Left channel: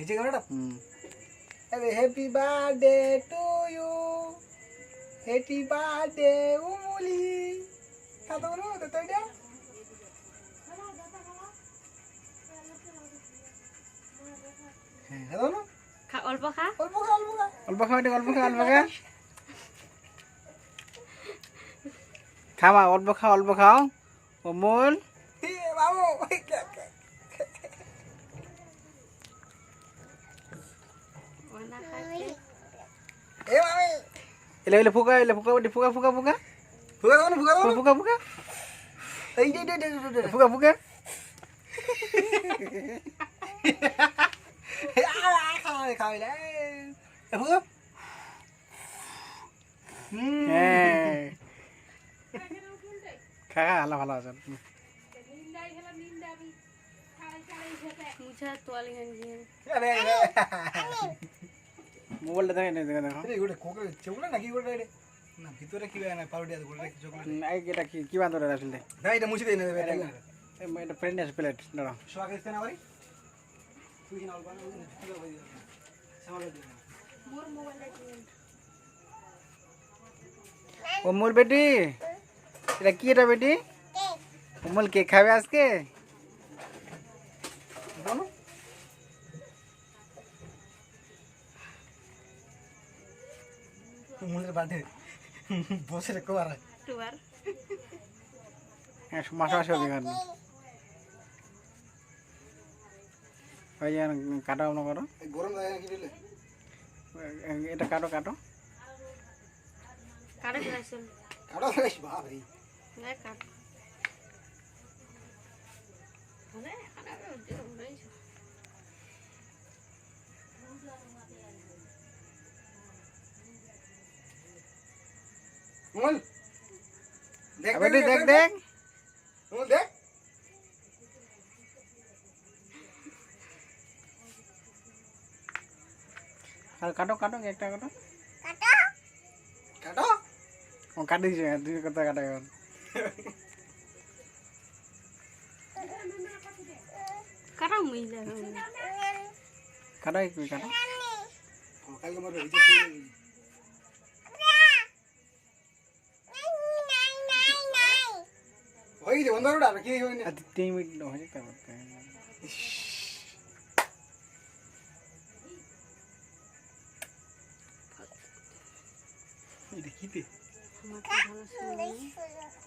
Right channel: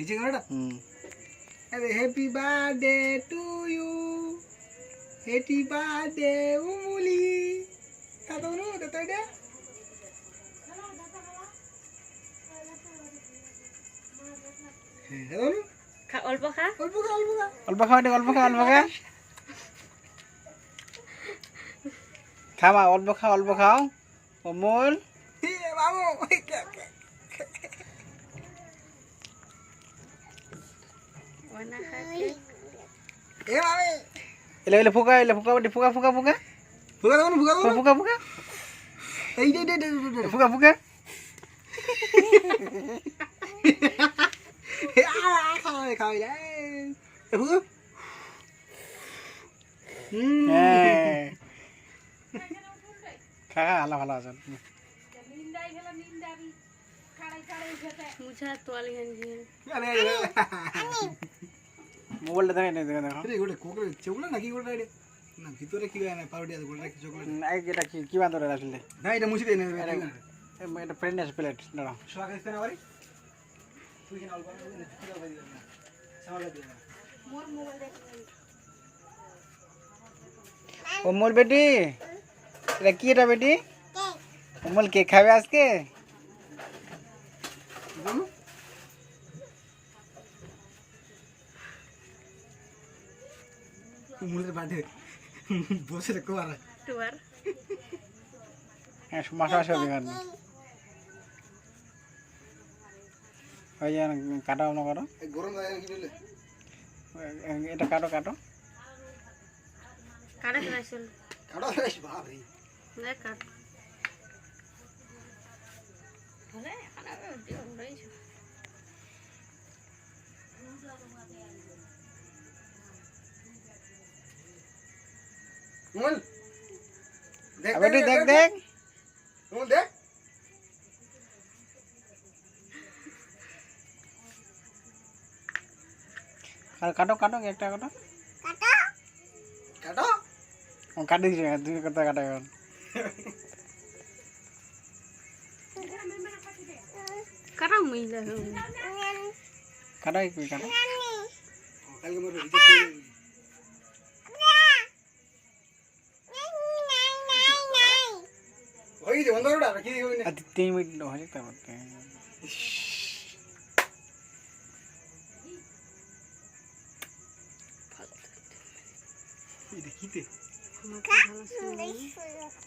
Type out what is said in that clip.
এই যে গানটা happy birthday to you happy birthday উমুলি কত বলো তো এটা হ্যাঁ বলো খা অল্প খা অল্প খা অল্প খা অল্প খাও অল্প খা অল্প খা খামা অল্প খাও অমল এ বাবু ওনা খাকে এ মামি এলে ফুকা ফুকা ফুকা ফুকা ফুগা দাও ফুগা দাও ফুকা ফুকা এই দে ফুকা ফুকা খাওয়াই রে ফুগা হ্যাঁ খা খা আল্লাহ ভালো আছে মুছা তোয়ালি হানজি মোবাইলটা দেখে দেখো আরে গোটে কোকরে চকলেট নাকি গোটে এটা না ভিতরে কি বানা পাউডার আছে গোটে চকলেট এই এটা কি বান্দরে আসলে না এটা মুছে দেই না এটা প্রেগনেন্ট প্লেট দাঁড়াও সোয়াকে ইস্তেনা বাড়ি তুই কিনা অল্প ভিতরে বাড়ি সামনে দে মোর মোবাইল দেখবেন অমল বেটি এটা কি এটা বেটি অমল কেক খাবে আজকে জানো মুলের বাদে বসে রে কোয়ারা টুয়ার হ্যাঁ মাসা আসবে এখানে ওই যে কাটো না করো গরম লাগে কি দিলে এটা কাটো কাটা চল কাটা ফ্রেশ বাপ রে না কাট আরে খানা দিও রইছ মুল দেখ বেটি দেখ দেখ মুল দেখ আর কাটো কাটো একটা কাটো কাটা ও কাটি দিছে তুই কথা কাটা এখন কাটা মিলা কাটো কি কাটো কালকে মর রিজেক্ট হই যে বন্ধুরা কি হই না 3 মিনিট হয়ে তারপর এই দেখিতে আমার ভালো